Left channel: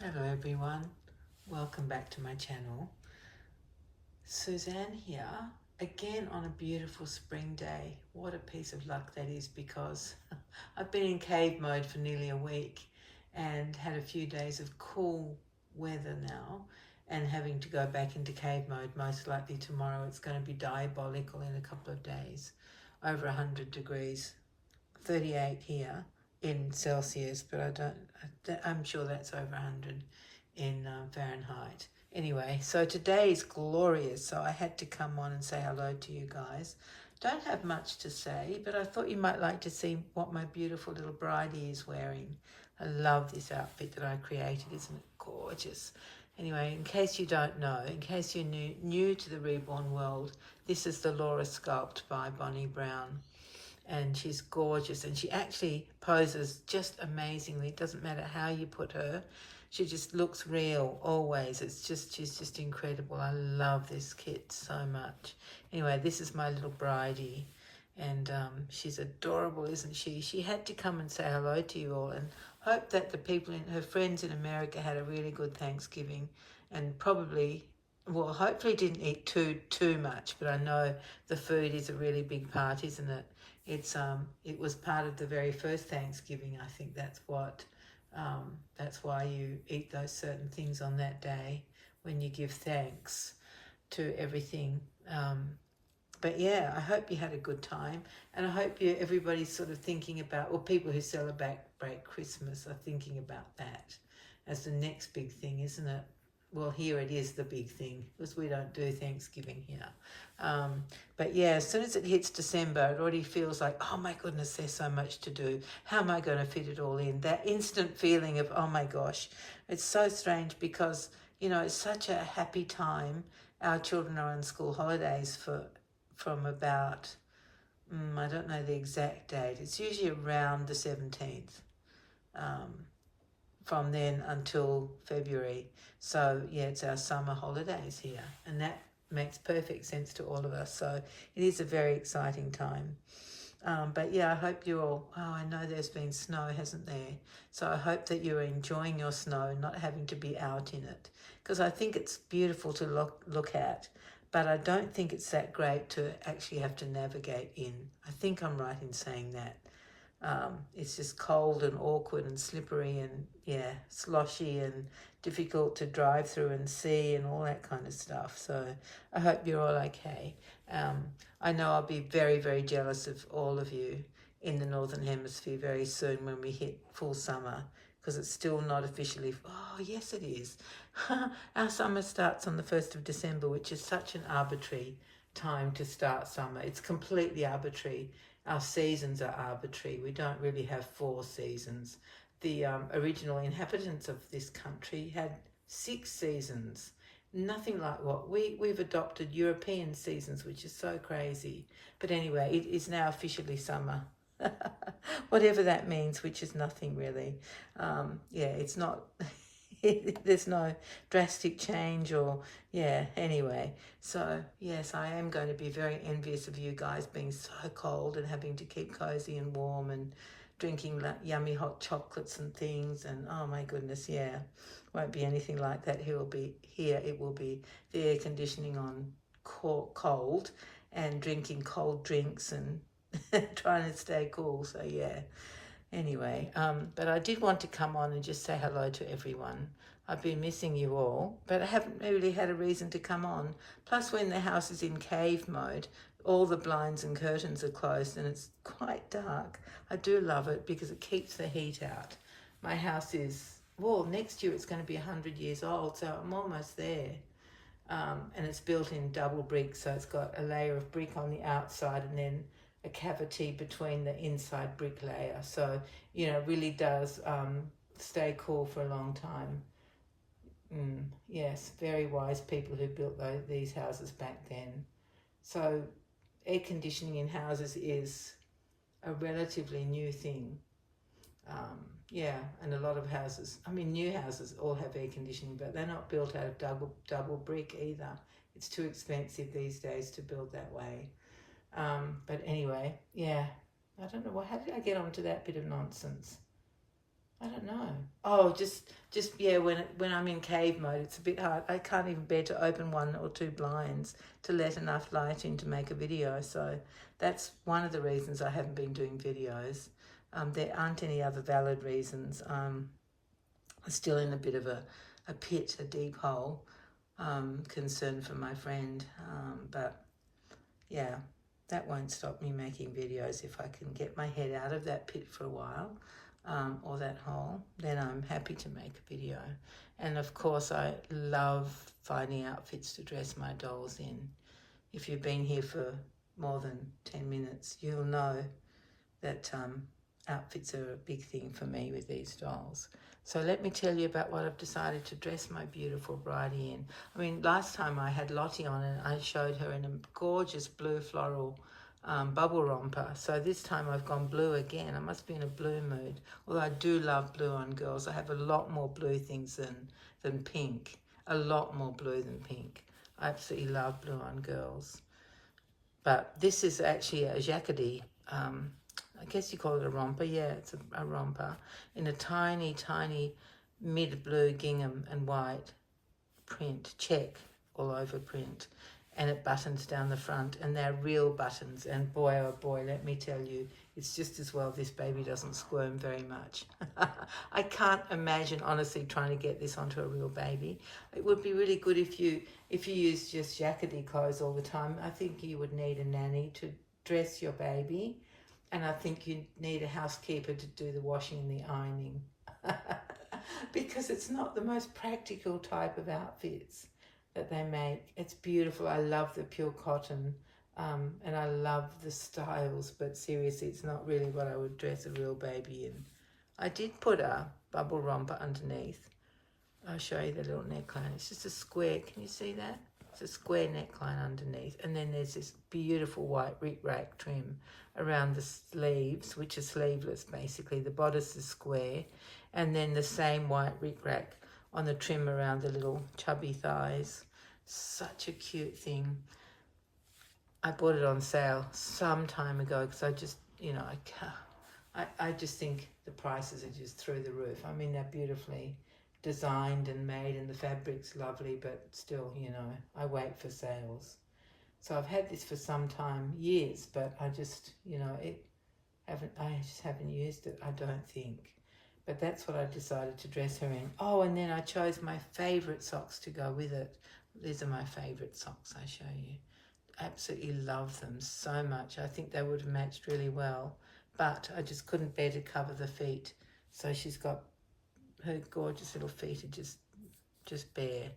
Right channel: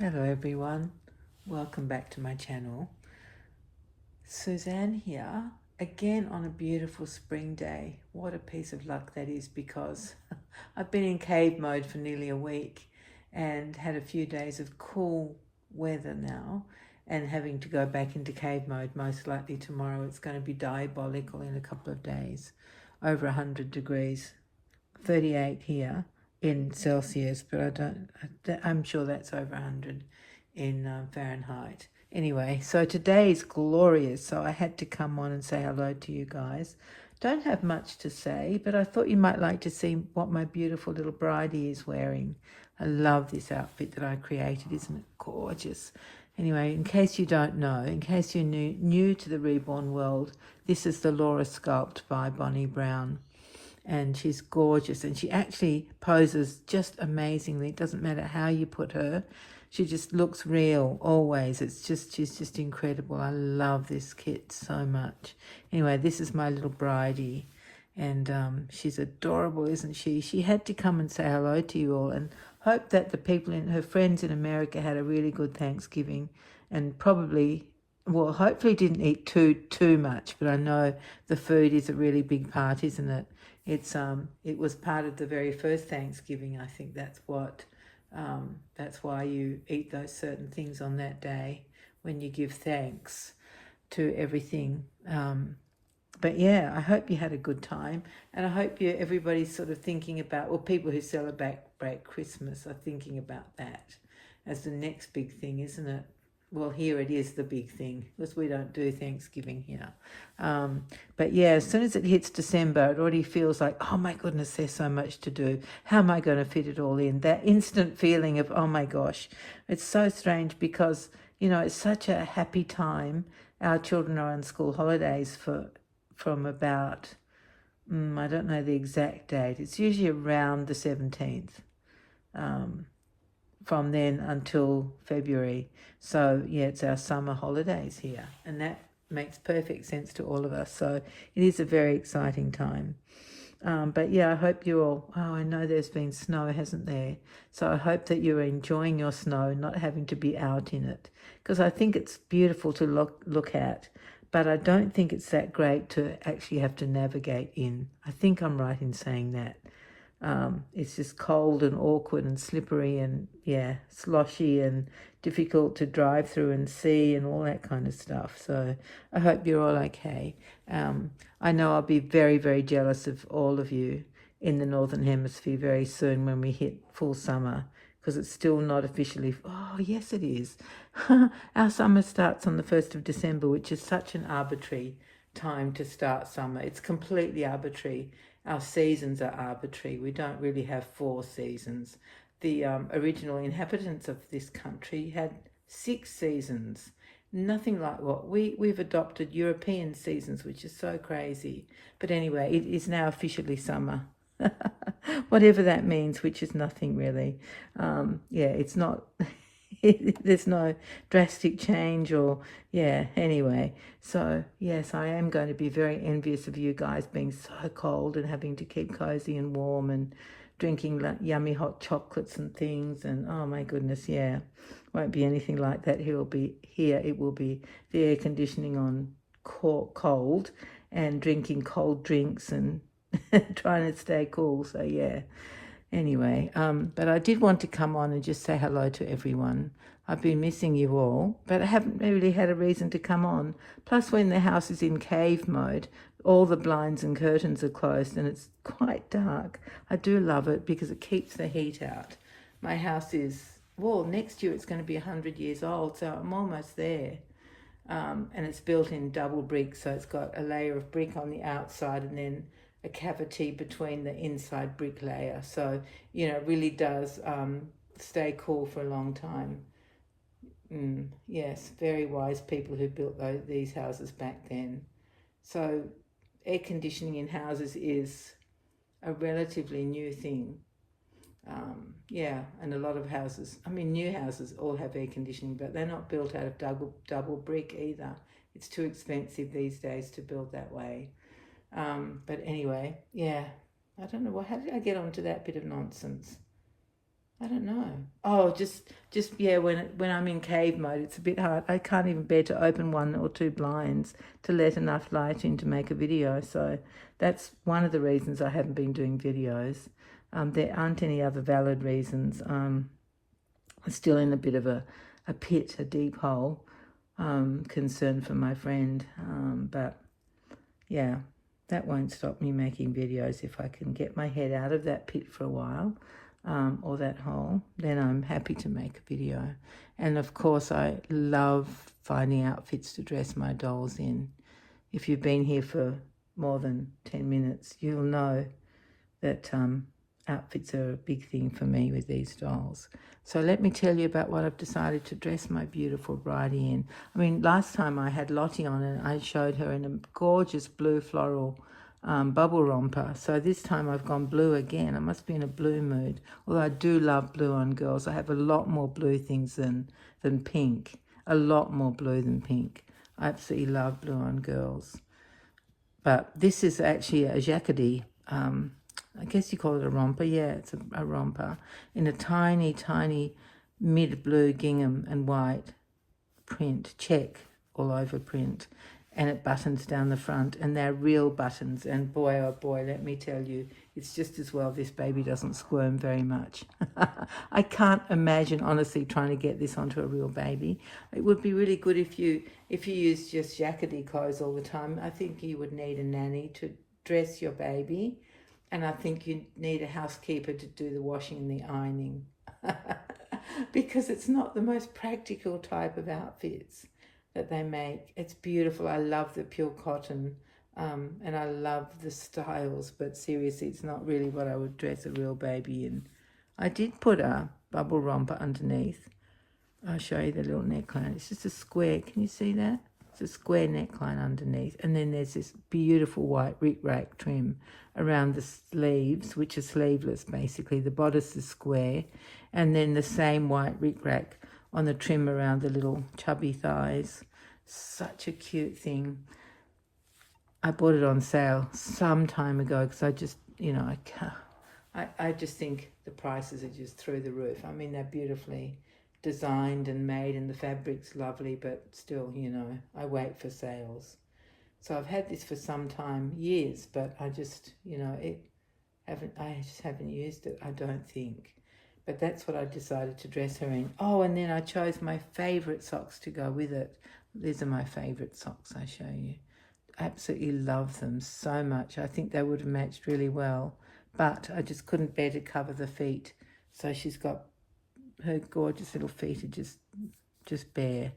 Hello everyone, welcome back to my channel. Suzanne here, again on a beautiful spring day. What a piece of luck that is, because I've been in cave mode for nearly a week and had a few days of cool weather now, and having to go back into cave mode most likely tomorrow. It's going to be diabolical in a couple of days, over 100 degrees, 38 here in Celsius, but I'm sure that's over 100 in Fahrenheit. Anyway, so today is glorious, so I had to come on and say hello to you guys. Don't have much to say, but I thought you might like to see what my beautiful little bridie is wearing. I love this outfit that I created. Isn't it gorgeous? Anyway, in case you don't know, in case you're new to the Reborn world, this is the Laura Sculpt by Bonnie Brown. And she's gorgeous, and she actually poses just amazingly. It doesn't matter how you put her, she just looks real always. She's just incredible. I love this kit so much. Anyway, this is my little bridie, and she's adorable, isn't she? She had to come and say hello to you all, and hope that the people in her friends in America had a really good Thanksgiving, and probably, well, hopefully didn't eat too much. But I know the food is a really big part, isn't it? It was part of the very first Thanksgiving. I think that's why you eat those certain things on that day, when you give thanks to everything. But yeah, I hope you had a good time, and I hope everybody's sort of thinking about, or people who celebrate Christmas are thinking about that as the next big thing, isn't it? Well, here it is the big thing, because we don't do Thanksgiving here. But yeah, as soon as it hits December, it already feels like, oh my goodness, there's so much to do. How am I going to fit it all in? That instant feeling of, oh my gosh. It's so strange because, it's such a happy time. Our children are on school holidays from about, I don't know the exact date. It's usually around the 17th. From then until February. So yeah, it's our summer holidays here, and that makes perfect sense to all of us. So it is a very exciting time. But yeah, I hope you're all, I know there's been snow, hasn't there? So I hope that you're enjoying your snow, not having to be out in it, because I think it's beautiful to look at, but I don't think it's that great to actually have to navigate in. I think I'm right in saying that. It's just cold and awkward and slippery and, yeah, sloshy and difficult to drive through and see and all that kind of stuff. So I hope you're all okay. I know I'll be very, very jealous of all of you in the Northern Hemisphere very soon when we hit full summer, because it's still not officially, oh yes it is. Our summer starts on the 1st of December, which is such an arbitrary time to start summer. It's completely arbitrary. Our seasons are arbitrary. We don't really have 4 seasons. The original inhabitants of this country had 6 seasons. Nothing like what we've adopted European seasons, which is so crazy. But anyway, it is now officially summer. Whatever that means, which is nothing really. Yeah, it's not... There's no drastic change, or anyway. So yes, I am going to be very envious of you guys being so cold and having to keep cozy and warm and drinking yummy hot chocolates and things, and oh my goodness, yeah, won't be anything like that. It will be the air conditioning on cold and drinking cold drinks and trying to stay cool. So yeah. Anyway, but I did want to come on and just say hello to everyone. I've been missing you all, but I haven't really had a reason to come on. Plus, when the house is in cave mode, all the blinds and curtains are closed and it's quite dark. I do love it because it keeps the heat out. My house is, well, next year it's going to be 100 years old, so I'm almost there. And it's built in double brick, so it's got a layer of brick on the outside and then a cavity between the inside brick layer. So, really does stay cool for a long time. Yes, very wise people who built these houses back then. So air conditioning in houses is a relatively new thing. Yeah, and a lot of houses, new houses all have air conditioning, but they're not built out of double brick either. It's too expensive these days to build that way. But anyway, yeah, I don't know, how did I get onto that bit of nonsense? I don't know. Oh, just yeah. When I'm in cave mode, it's a bit hard. I can't even bear to open one or two blinds to let enough light in to make a video. So that's one of the reasons I haven't been doing videos. There aren't any other valid reasons. I'm still in a bit of a pit, a deep hole. Concern for my friend, but yeah, that won't stop me making videos. If I can get my head out of that pit for a while, or that hole, then I'm happy to make a video. And of course, I love finding outfits to dress my dolls in. If you've been here for more than 10 minutes, you'll know that outfits are a big thing for me with these dolls. So let me tell you about what I've decided to dress my beautiful Bridie in. I mean, last time I had Lottie on and I showed her in a gorgeous blue floral bubble romper. So this time I've gone blue again. I must be in a blue mood. Although I do love blue on girls. I have a lot more blue things than pink. A lot more blue than pink. I absolutely love blue on girls. But this is actually a jacquardie. I guess you call it a romper. Yeah, it's a romper in a tiny, tiny mid-blue gingham and white print, check all over print, and it buttons down the front, and they're real buttons, and boy, oh boy, let me tell you, it's just as well this baby doesn't squirm very much. I can't imagine, honestly, trying to get this onto a real baby. It would be really good if you use just jacquardie clothes all the time. I think you would need a nanny to dress your baby, and I think you need a housekeeper to do the washing and the ironing because it's not the most practical type of outfits that they make. It's beautiful. I love the pure cotton and I love the styles, but seriously, it's not really what I would dress a real baby in. I did put a bubble romper underneath. I'll show you the little neckline. It's just a square. Can you see that? It's a square neckline underneath, and then there's this beautiful white rickrack trim around the sleeves, which are sleeveless basically. The bodice is square, and then the same white rickrack on the trim around the little chubby thighs. Such a cute thing. I bought it on sale some time ago because I just, you know, I just think the prices are just through the roof. I mean, they're beautifully designed and made, and the fabric's lovely, but still, you know, I wait for sales. So I've had this for some time, years, but I just, you know, I just haven't used it, I don't think. But that's what I decided to dress her in. Oh, and then I chose my favourite socks to go with it. These are my favourite socks, I show you. Absolutely love them so much. I think they would have matched really well, but I just couldn't bear to cover the feet. So she's got her gorgeous little feet are just bare.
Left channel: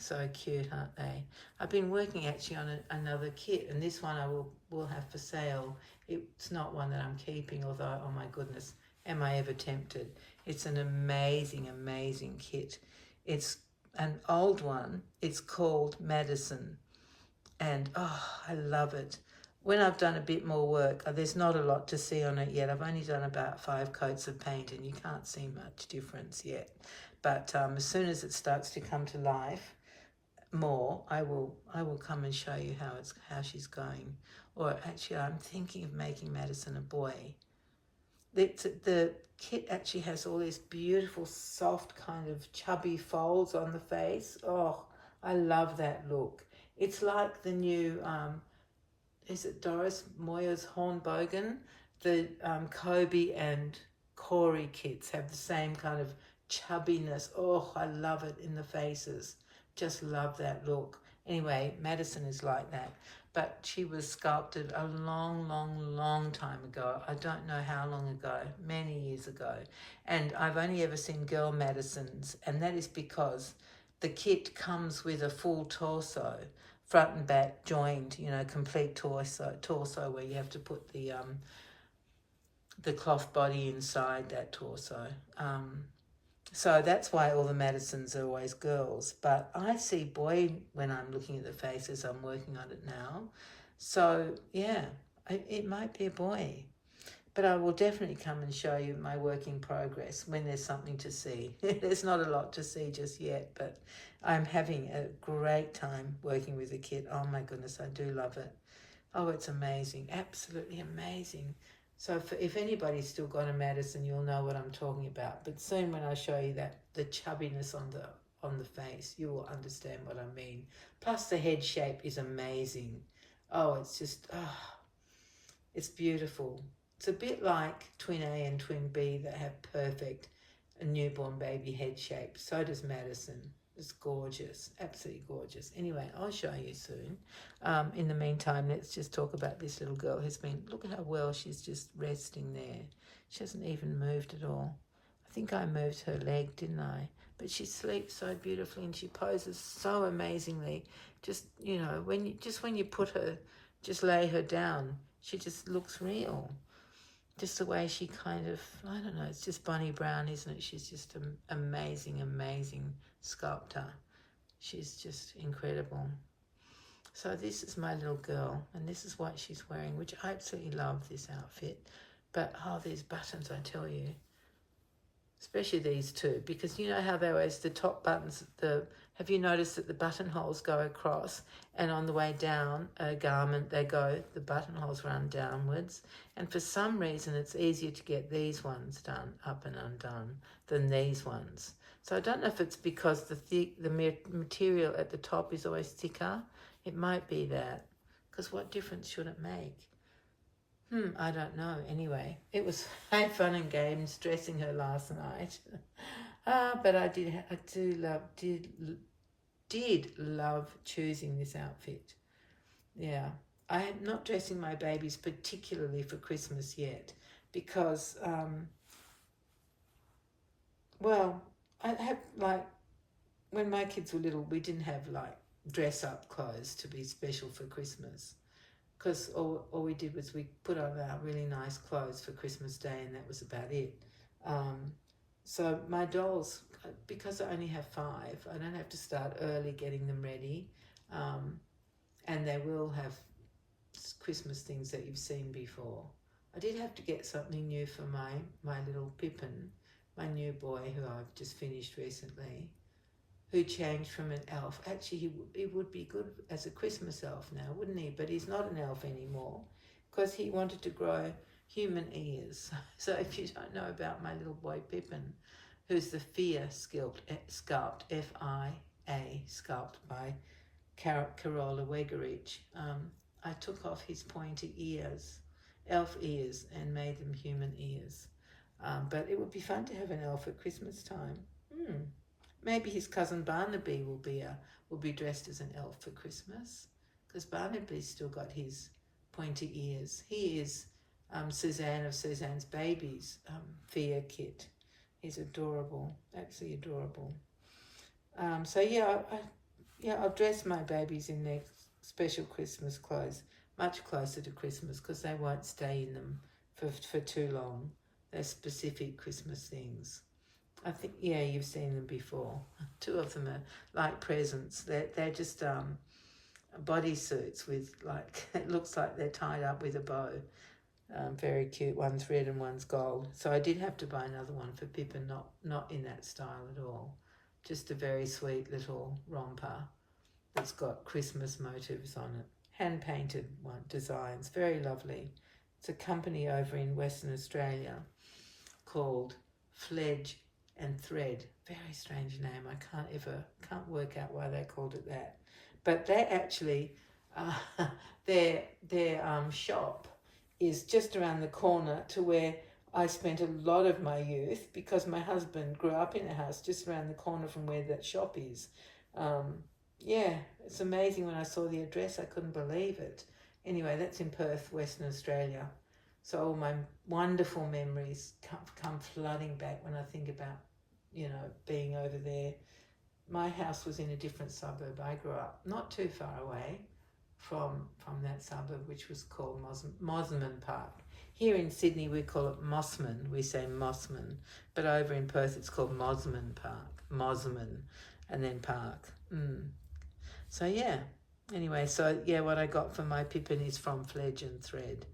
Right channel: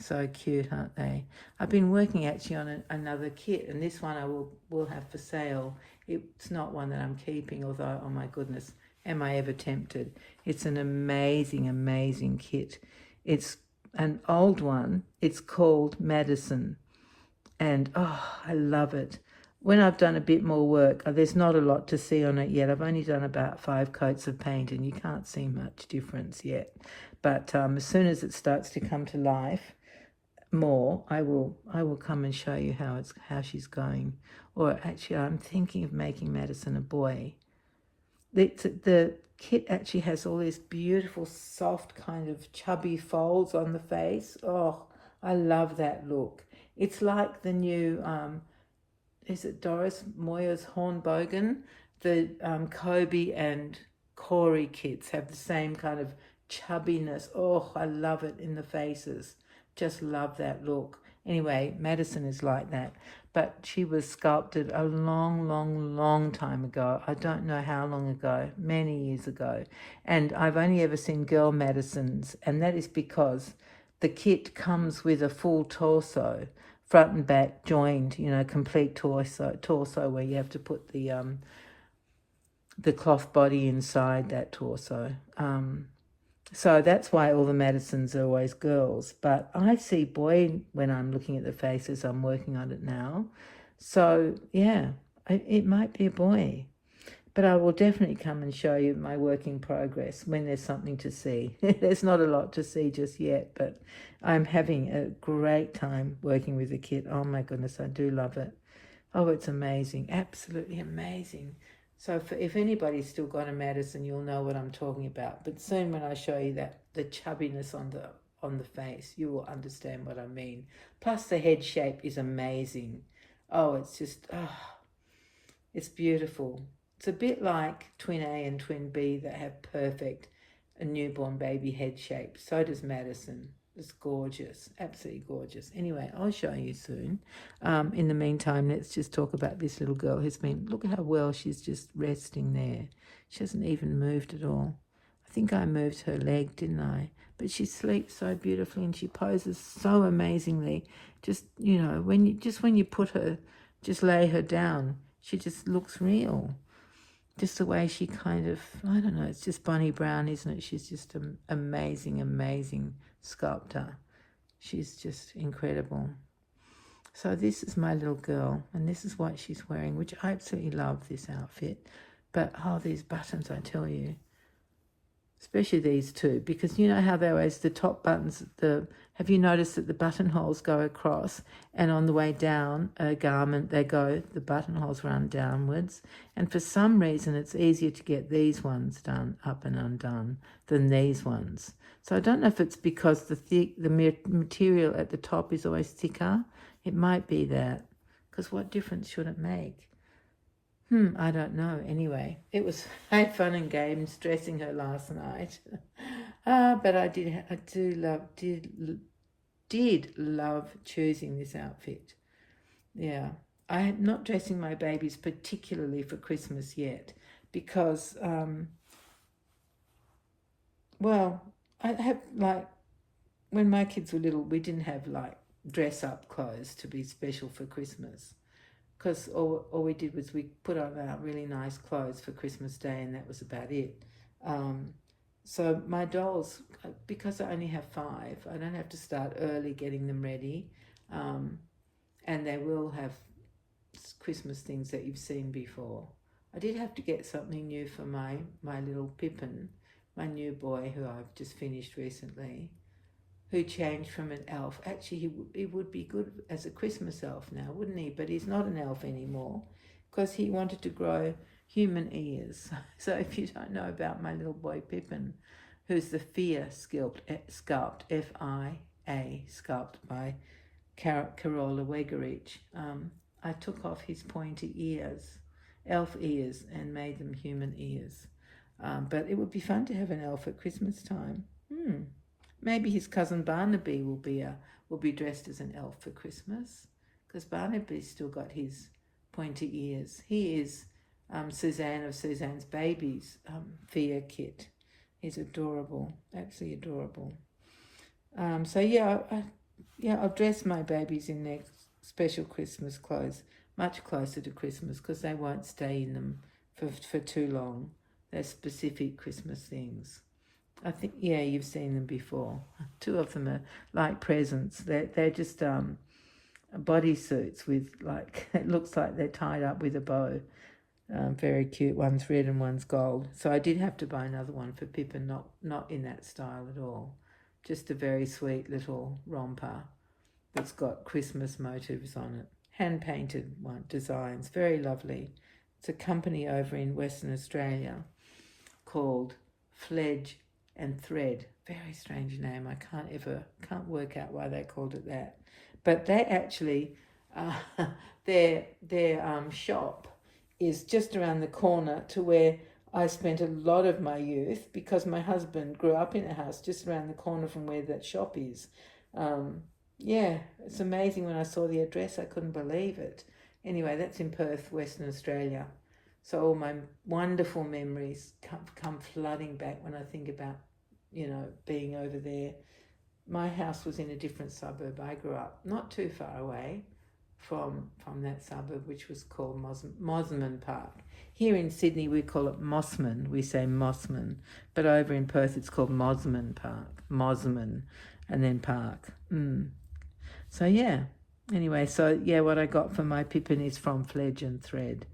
So cute, aren't they? I've been working actually on another kit, and this one I will have for sale. It's not one that I'm keeping, although, oh my goodness, am I ever tempted. It's an amazing, amazing kit. It's an old one. It's called Madison, and oh, I love it. When I've done a bit more work, there's not a lot to see on it yet. I've only done about 5 coats of paint, and you can't see much difference yet. But as soon as it starts to come to life more, I will come and show you how she's going. Or actually, I'm thinking of making Madison a boy. The kit actually has all these beautiful, soft, kind of chubby folds on the face. Oh, I love that look. It's like the new, is it Doris Moyer's Hornbogen? The Kobe and Corey kits have the same kind of chubbiness. Oh, I love it in the faces. Just love that look. Anyway, Madison is like that. But she was sculpted a long, long, long time ago. I don't know how long ago, many years ago. And I've only ever seen girl Madisons, and that is because the kit comes with a full torso, front and back joined, you know, complete torso where you have to put the cloth body inside that torso. So that's why all the Madisons are always girls. But I see boy when I'm looking at the faces. I'm working on it now. So, yeah, it might be a boy. But I will definitely come and show you my work in progress when there's something to see. There's not a lot to see just yet, but I'm having a great time working with the kit. Oh, my goodness, I do love it. Oh, it's amazing. Absolutely amazing. So if anybody's still got a Madison, you'll know what I'm talking about. But soon when I show you that, the chubbiness on the face, you will understand what I mean. Plus the head shape is amazing. Oh, it's just, it's beautiful. It's a bit like Twin A and Twin B that have perfect newborn baby head shape. So does Madison. It's gorgeous, absolutely gorgeous. Anyway, I'll show you soon. In the meantime, let's just talk about this little girl who's been, look at how well she's just resting there. She hasn't even moved at all. I think I moved her leg, didn't I? But she sleeps so beautifully and she poses so amazingly. Just, you know, when you put her, just lay her down, she just looks real. Just the way she kind of, I don't know, it's just Bonnie Brown, isn't it? She's just an amazing, amazing sculptor. She's just incredible. So this is my little girl, and this is what she's wearing, which I absolutely love this outfit. But, oh, these buttons, I tell you. Especially these two, because you know how they always, the top buttons, have you noticed that the buttonholes go across, and on the way down a garment, the buttonholes run downwards, and for some reason it's easier to get these ones done up and undone than these ones. So I don't know if it's because the material at the top is always thicker. It might be that, because what difference should it make? I don't know. Anyway, it was fun and games dressing her last night. But I did love choosing this outfit. Yeah, I'm not dressing my babies particularly for Christmas yet because, well, I have like, when my kids were little, we didn't have like dress up clothes to be special for Christmas. Because all we did was we put on really nice clothes for Christmas Day and that was about it. So my dolls, because I only have 5, I don't have to start early getting them ready. And they will have Christmas things that you've seen before. I did have to get something new for my little Pippin, my new boy who I've just finished recently, who changed from an elf. Actually, he would be good as a Christmas elf now, wouldn't he? But he's not an elf anymore because he wanted to grow human ears. So if you don't know about my little boy Pippin, who's the Fia sculpt, F-I-A, sculpt by Carola Wegerich, I took off his pointy ears, elf ears, and made them human ears. But it would be fun to have an elf at Christmas time. Maybe his cousin Barnaby will be dressed as an elf for Christmas, because Barnaby's still got his pointy ears. He is Suzanne of Suzanne's Babies Fia kit. He's adorable, absolutely adorable. So yeah, I'll dress my babies in their special Christmas clothes, much closer to Christmas, because they won't stay in them for too long. They're specific Christmas things. I think, yeah, you've seen them before. 2 of them are like presents. They're just bodysuits with, like, it looks like they're tied up with a bow. Very cute. One's red and one's gold. So I did have to buy another one for Pippin, not in that style at all. Just a very sweet little romper that's got Christmas motifs on it. Hand-painted designs. Very lovely. It's a company over in Western Australia called Fledge and Thread. Very strange name. I can't work out why they called it that. But they actually, their shop is just around the corner to where I spent a lot of my youth, because my husband grew up in a house just around the corner from where that shop is. Yeah, it's amazing. When I saw the address, I couldn't believe it. Anyway, that's in Perth, Western Australia. So all my wonderful memories come flooding back when I think about, being over there. My house was in a different suburb. I grew up not too far away from that suburb, which was called Mosman Park. Here in Sydney, we call it Mossman. We say Mossman. But over in Perth, it's called Mosman Park. Mosman, and then Park. So, yeah. Anyway, what I got for my Pippin is from Fledge and Thread.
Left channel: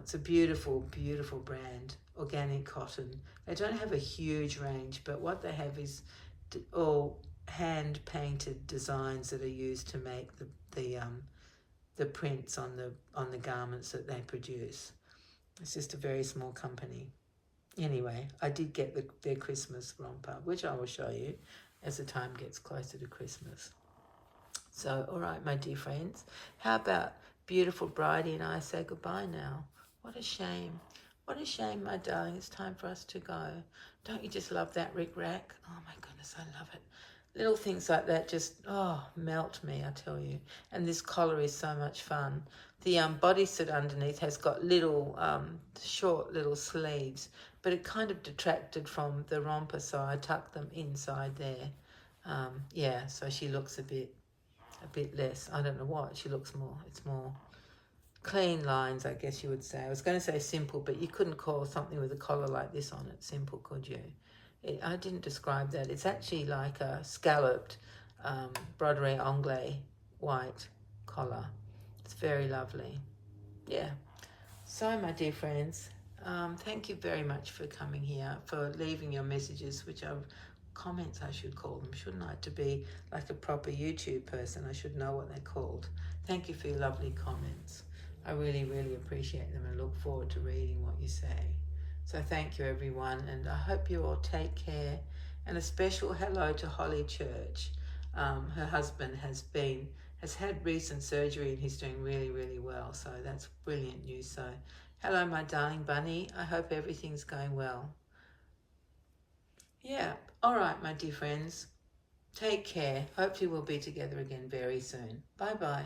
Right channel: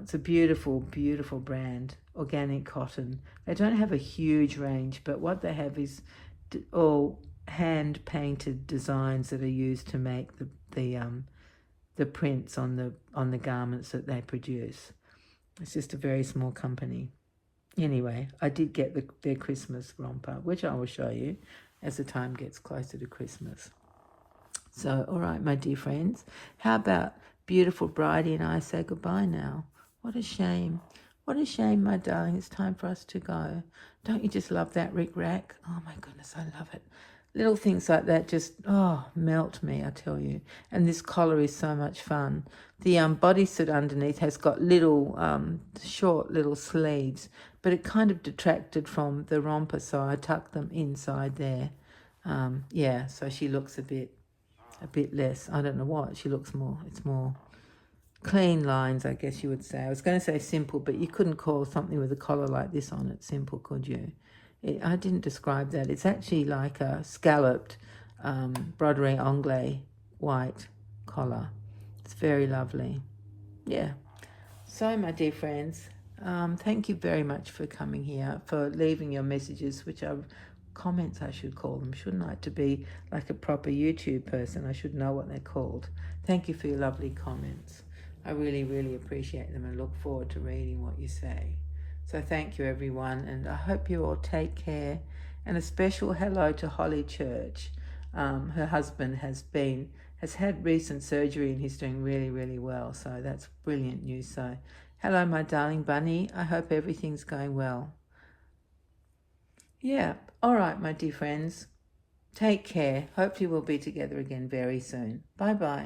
It's a beautiful, beautiful brand, organic cotton. They don't have a huge range, but what they have is all hand-painted designs that are used to make the prints on the garments that they produce. It's just a very small company. Anyway, I did get their Christmas romper, which I will show you as the time gets closer to Christmas. So, all right, my dear friends, how about beautiful Bridie and I say goodbye now? What a shame. What a shame, my darling. It's time for us to go. Don't you just love that rick-rack? Oh, my goodness, I love it. Little things like that just, melt me, I tell you. And this collar is so much fun. The bodysuit underneath has got little, short little sleeves, but it kind of detracted from the romper, so I tucked them inside there. Yeah, so she looks a bit less, I don't know what, she looks more, it's more clean lines, I guess you would say. I was going to say simple, but you couldn't call something with a collar like this on it simple, could you? I didn't describe that. It's actually like a scalloped broderie anglais white collar. It's very lovely. Yeah. So, my dear friends, thank you very much for coming here, for leaving your messages, which are comments, I should call them, shouldn't I? To be like a proper YouTube person, I should know what they're called. Thank you for your lovely comments. I really, really appreciate them and look forward to reading what you say. So thank you, everyone, and I hope you all take care. And a special hello to Holly Church. Her husband has had recent surgery and he's doing really, really well. So that's brilliant news. So hello, my darling bunny. I hope everything's going well. Yeah. All right, my dear friends. Take care. Hopefully we'll be together again very soon. Bye-bye.